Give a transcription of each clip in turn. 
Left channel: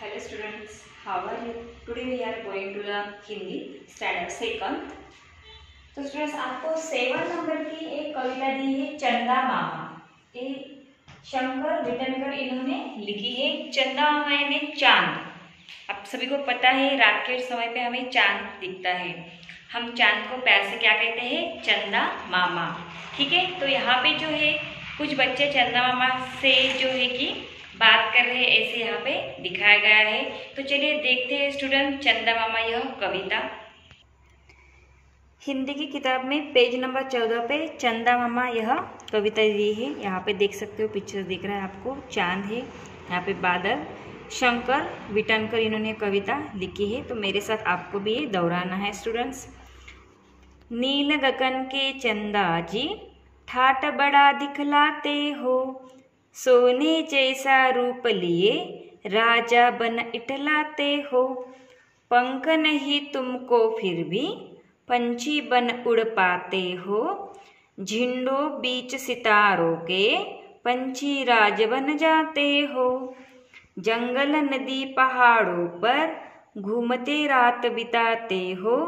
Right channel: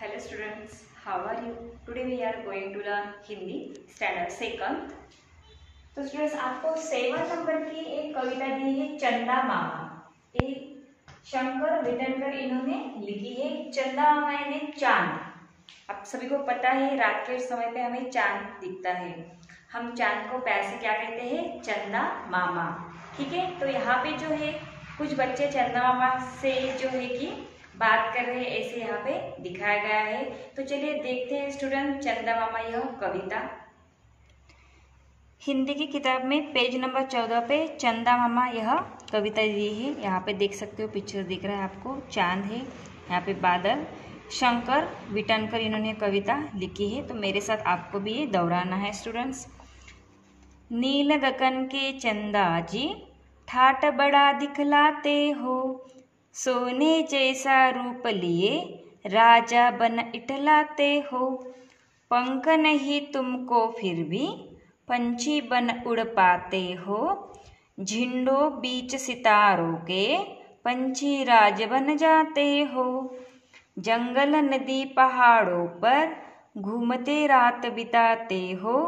Hello students, how are you? Today we are going to learn Hindi standard second. तो students आपको 7 number की एक कविता दी है चंदा मामा। ये शंकर विटनकर इन्होंने लिखी है। चंदा मामा यानी चांद। आप सभी को पता है रात के समय पे हमें चांद दिखता है। हम चांद को प्यार से क्या कहते हैं? चंदा मामा। ठीक है, तो यहाँ पे जो है कुछ बच्चे चंदा मामा से जो है कि बात कर रहे हैं, ऐसे यहाँ पे दिखाया गया है। तो चलिए देखते हैं स्टूडेंट चंदा मामा यह कविता। हिंदी की किताब में पेज नंबर 14 पे चंदा मामा यह कविता दी है। यहाँ पे देख सकते हो, पिक्चर दिख रहा है आपको, चांद है, यहाँ पे बादल। शंकर विटनकर इन्होंने कविता लिखी है। तो मेरे साथ आपको भी ये दोहराना है स्टूडेंट्स। नील गगन के चंदा जी ठाट बड़ा दिखलाते हो, सोने जैसा रूप लिए राजा बन इठलाते हो। पंख नहीं तुमको फिर भी पंछी बन उड़ पाते हो, झिंडों बीच सितारों के पंछी राज बन जाते हो। जंगल नदी पहाड़ों पर घूमते रात बिताते हो,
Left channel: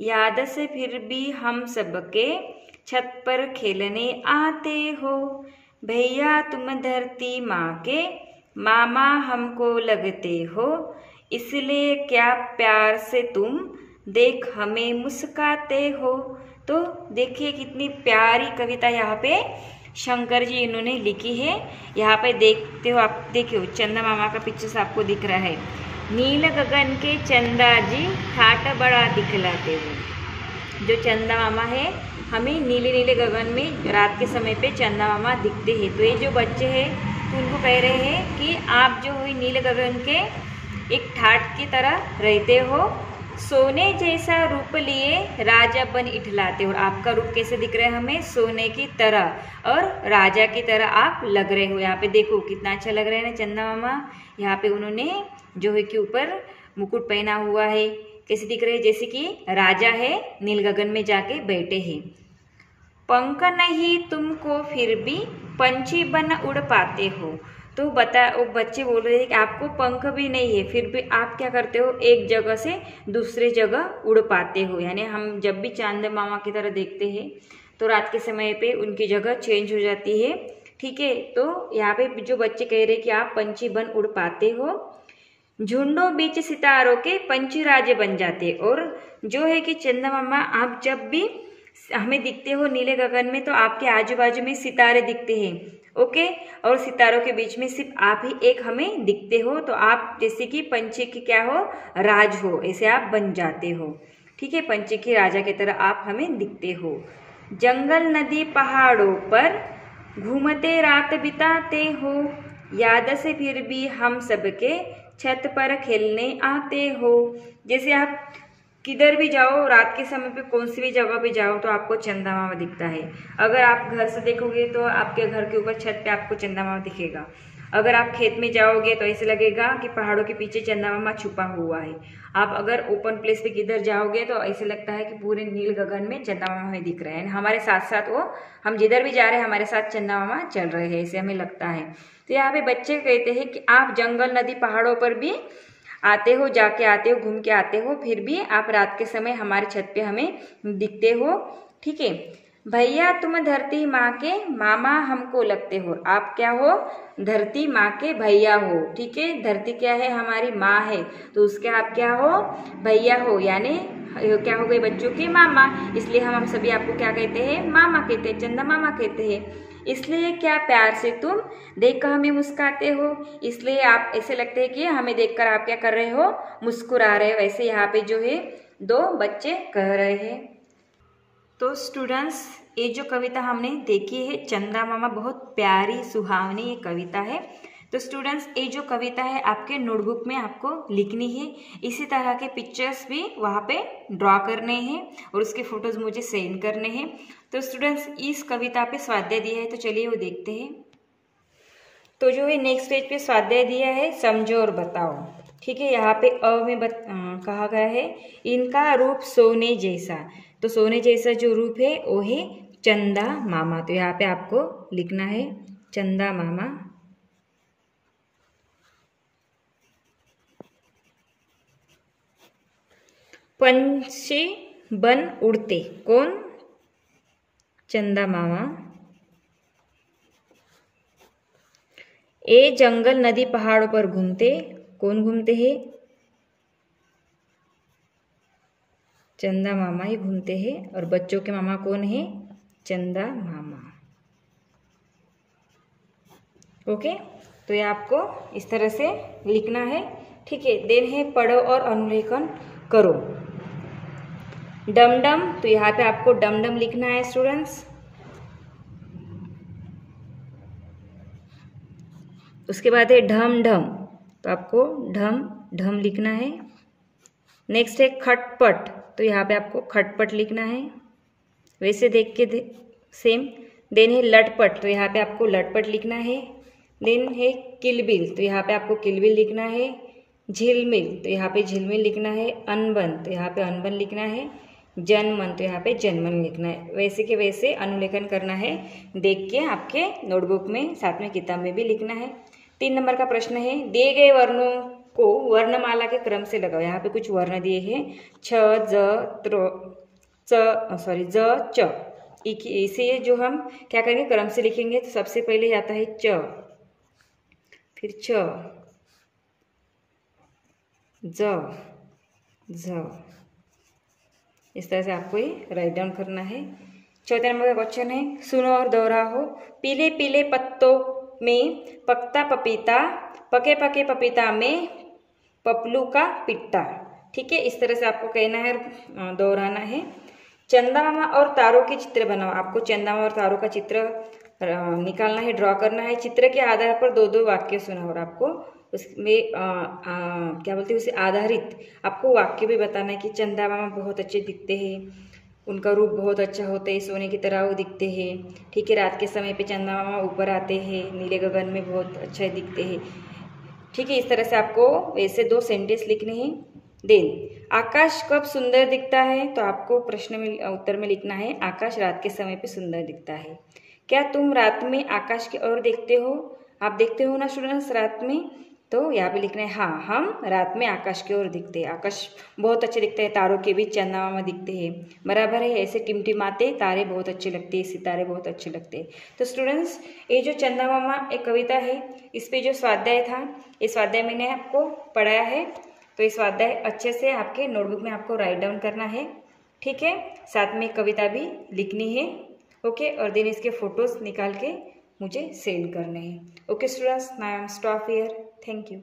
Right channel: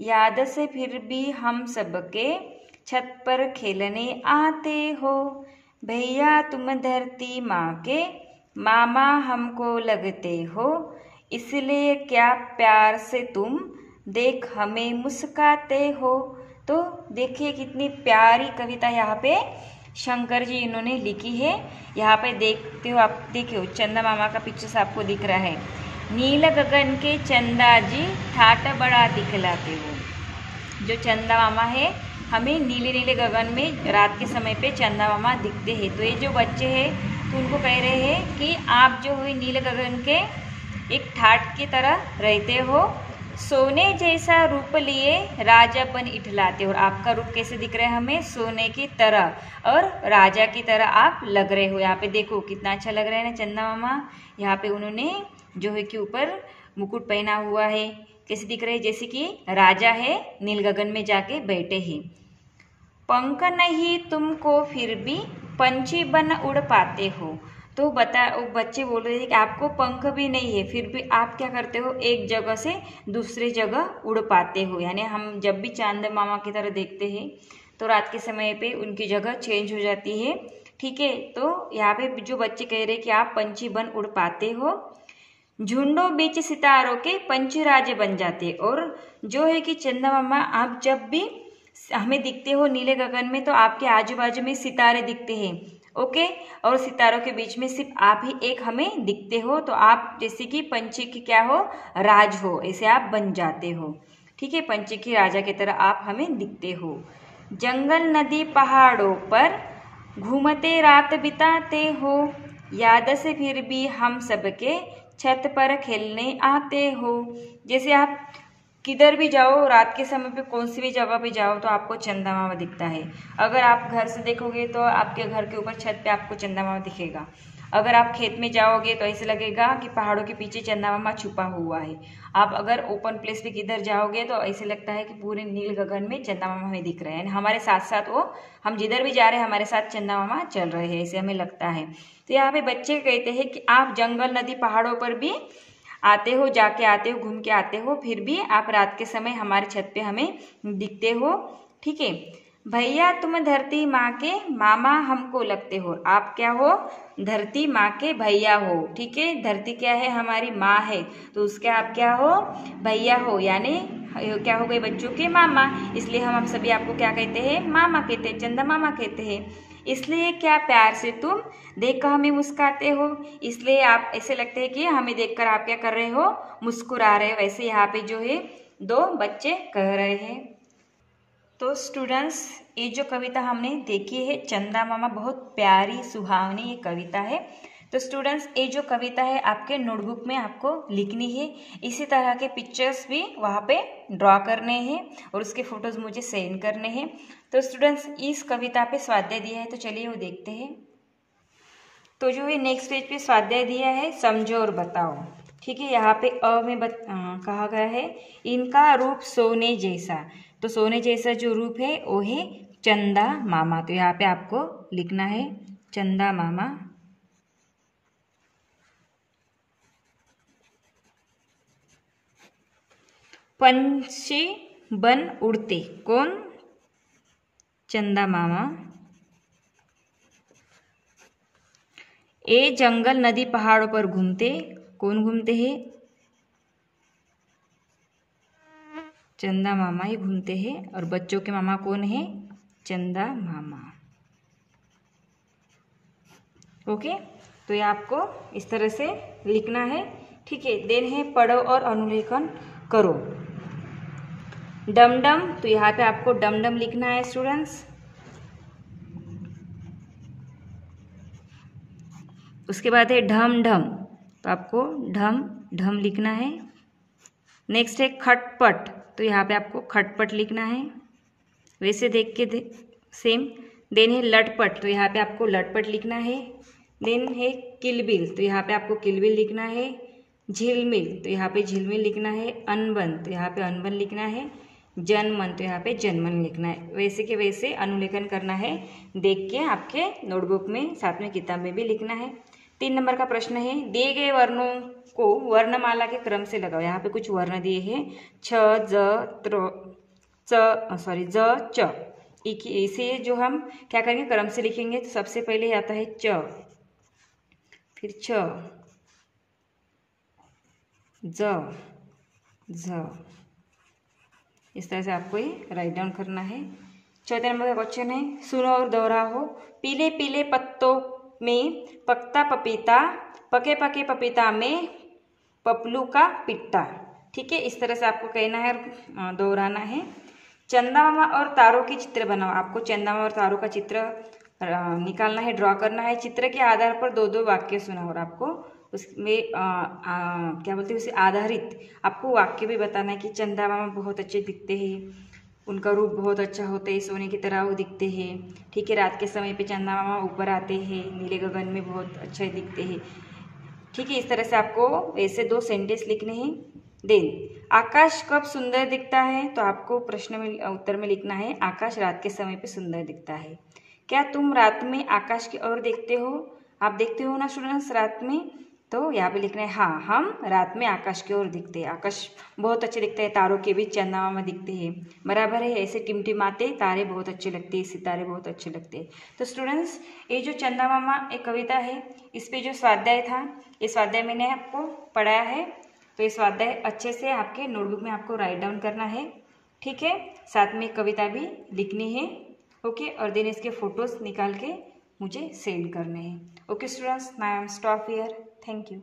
याद से फिर भी हम सबके छत पर खेलने आते हो। भैया तुम धरती माँ के मामा हमको लगते हो, इसलिए क्या प्यार से तुम देख हमें मुस्काते हो। तो देखिए कितनी प्यारी कविता यहाँ पे शंकर जी इन्होंने लिखी है। यहाँ पे देखते हो आप, देखियो चंदा मामा का पिक्चर आपको दिख रहा है। नील गगन के चंदा जी ठाट बड़ा दिखलाते हो। जो चंदा मामा है, हमें नीले नीले गगन में रात के समय पे चंदा मामा दिखते हैं। तो ये जो बच्चे हैं तो उनको कह रहे हैं कि आप जो है नीले गगन के एक ठाट की तरह रहते हो, सोने जैसा रूप लिए राजा बन इठलाते हो। और आपका रूप कैसे दिख रहा है हमें? सोने की तरह और राजा की तरह आप लग रहे हो। यहाँ पे देखो कितना अच्छा लग रहा है ना चंदा मामा। यहाँ पे उन्होंने जो है कि ऊपर मुकुट पहना हुआ है, कैसे दिख रहे हैं? जैसे कि राजा है, नील गगन में जाके बैठे हैं। पंख नहीं तुमको फिर भी पंछी बन उड़ पाते हो। तो वो बच्चे बोल रहे हैं कि आपको पंख भी नहीं है, फिर भी आप क्या करते हो? एक जगह से दूसरे जगह उड़ पाते हो। यानी हम जब भी चांद मामा की तरह देखते हैं तो रात के समय पे उनकी जगह चेंज हो जाती है। ठीक है, तो यहाँ पे जो बच्चे कह रहे हैं कि आप पंछी बन उड़ पाते हो, झुंडों बीच सितारों के पंछी राजे बन जाते। और जो है कि चंदा मामा आप जब भी हमें दिखते हो नीले गगन में, तो आपके आजू बाजू में सितारे दिखते हैं। ओके, और सितारों के बीच में सिर्फ आप ही एक हमें दिखते हो। तो आप जैसे कि पंछी की क्या हो? राज हो, ऐसे आप बन जाते हो। ठीक है, पंछी की राजा की तरह आप हमें दिखते हो। जंगल नदी पहाड़ों पर घूमते रात बिताते हो, याद से फिर भी हम सबके छत पर खेलने आते हो। जैसे आप किधर भी जाओ, रात के समय पे कौन सी भी जगह पे जाओ तो आपको चंदा मामा दिखता है। अगर आप घर से देखोगे तो आपके घर के ऊपर छत पे आपको चंदा मामा दिखेगा। अगर आप खेत में जाओगे तो ऐसे लगेगा कि पहाड़ों के पीछे चंदा मामा छुपा हुआ है। आप अगर ओपन प्लेस पे किधर जाओगे तो ऐसे लगता है कि पूरे नील गगन में चंदा मामा हमें दिख रहे हैं। हमारे साथ साथ वो, हम जिधर भी जा रहे हैं हमारे साथ चंदा मामा चल रहे हैं, ऐसे हमें लगता है। तो यहाँ पे बच्चे कहते हैं कि आप जंगल नदी पहाड़ों पर भी आते हो, जाके आते हो, घूम के आते हो, फिर भी आप रात के समय हमारे छत पे हमें दिखते हो। ठीक है, भैया तुम धरती माँ के मामा हमको लगते हो। आप क्या हो? धरती माँ के भैया हो। ठीक है, धरती क्या है? हमारी माँ है, तो उसके आप क्या हो? भैया हो। यानी क्या हो गए? बच्चों के मामा। इसलिए हम सभी आपको क्या कहते हैं? मामा कहते हैं, चंदा मामा कहते हैं। इसलिए क्या प्यार से तुम देखकर हमें मुस्काते हो, इसलिए आप ऐसे लगते हैं कि हमें देखकर आप क्या कर रहे हो? मुस्कुरा रहे हो। वैसे यहाँ पे जो है दो बच्चे कह रहे हैं। तो स्टूडेंट्स, ये जो कविता हमने देखी है चंदा मामा, बहुत प्यारी सुहावनी ये कविता है। तो स्टूडेंट्स, ये जो कविता है आपके नोटबुक में आपको लिखनी है। इसी तरह के पिक्चर्स भी वहाँ पे ड्रॉ करने हैं और उसके फोटोज मुझे सेंड करने हैं। तो स्टूडेंट्स, इस कविता पे स्वाध्याय दिया है, तो चलिए वो देखते हैं। तो जो है नेक्स्ट पेज पे स्वाध्याय दिया है, समझो और बताओ। ठीक है, यहाँ पे अ में कहा गया है इनका रूप सोने जैसा। तो सोने जैसा जो रूप है वो है चंदा मामा। तो यहाँ पे आपको लिखना है चंदा मामा। पंछी बन उड़ते, कौन? चंदा मामा। ए जंगल नदी पहाड़ों पर घूमते, कौन घूमते हैं? चंदा मामा ही घूमते हैं। और बच्चों के मामा कौन है? चंदा मामा। ओके, तो ये आपको इस तरह से लिखना है। ठीक है, देन है पढ़ो और अनुलेखन करो। डमडम, तो यहाँ पे आपको डमडम लिखना है स्टूडेंट्स। उसके बाद है ढम ढम, तो आपको ढम ढम लिखना है। नेक्स्ट है खटपट, तो यहाँ पे आपको खटपट लिखना है, वैसे देख के सेम। देन है लटपट, तो यहाँ पे आपको लटपट लिखना है। देन है किलबिल, तो यहाँ पे आपको किलबिल लिखना है। झिलमिल, तो यहाँ पे झिलमिल लिखना है। अनबन, तो यहाँ पे अनबन लिखना है। जनमन, तो यहाँ पे जनमन लिखना है। वैसे के वैसे अनुलेखन करना है, देख के आपके नोटबुक में साथ में किताब में भी लिखना है। 3 नंबर का प्रश्न है, दिए गए वर्णों को वर्णमाला के क्रम से लगाओ। यहाँ पे कुछ वर्ण दिए हैं, छ, ज, च। इसे जो हम क्या करेंगे, क्रम से लिखेंगे। तो सबसे पहले आता है च, फिर छ, ज, झ। इस तरह से आपको ये राइट डाउन करना है। 4 नंबर का क्वेश्चन है, सुनो और दोहराओ। पीले पीले पत्तों में पकता पपीता, पके पके पपीता में पपलू का पिट्टा। ठीक है, इस तरह से आपको कहना है, दोहराना है। चंदा मामा और तारों के चित्र बनाओ। आपको चंदा मामा और तारों का चित्र निकालना है, ड्रॉ करना है। चित्र के आधार पर 2-2 वाक्य सुनाओ और आपको उसमें क्या बोलते हैं, उसे आधारित आपको वाक्य भी बताना है कि चंदा मामा बहुत अच्छे दिखते हैं, उनका रूप बहुत अच्छा होता है, सोने की तरह वो दिखते हैं। ठीक है, रात के समय पे चंदा मामा ऊपर आते हैं, नीले गगन में बहुत अच्छे दिखते हैं। ठीक है, इस तरह से आपको ऐसे 2 सेंटेंस लिखने हैं। देन आकाश कब सुंदर दिखता है, तो आपको प्रश्न में उत्तर में लिखना है, आकाश रात के समय पे सुंदर दिखता है। क्या तुम रात में आकाश की ओर देखते हो? आप देखते हो ना स्टूडेंट्स रात में, तो यहाँ पे लिखना है हाँ, हम रात में आकाश की ओर दिखते हैं। आकाश बहुत अच्छे दिखता है, तारों के बीच चंदा मामा दिखते हैं, बराबर है। ऐसे टिमटिमाते तारे बहुत अच्छे लगते हैं, सितारे बहुत अच्छे लगते हैं। तो स्टूडेंट्स, ये जो चंदा मामा एक कविता है, इस पे जो स्वाध्याय था, ये स्वाध्याय मैंने आपको पढ़ाया है। तो ये स्वाध्याय अच्छे से आपके नोटबुक में आपको राइट डाउन करना है। ठीक है, साथ में कविता भी लिखनी है। ओके, और देन इसके फोटोज निकाल के मुझे सेंड करने हैं। Okay students, I am stop here. Thank you.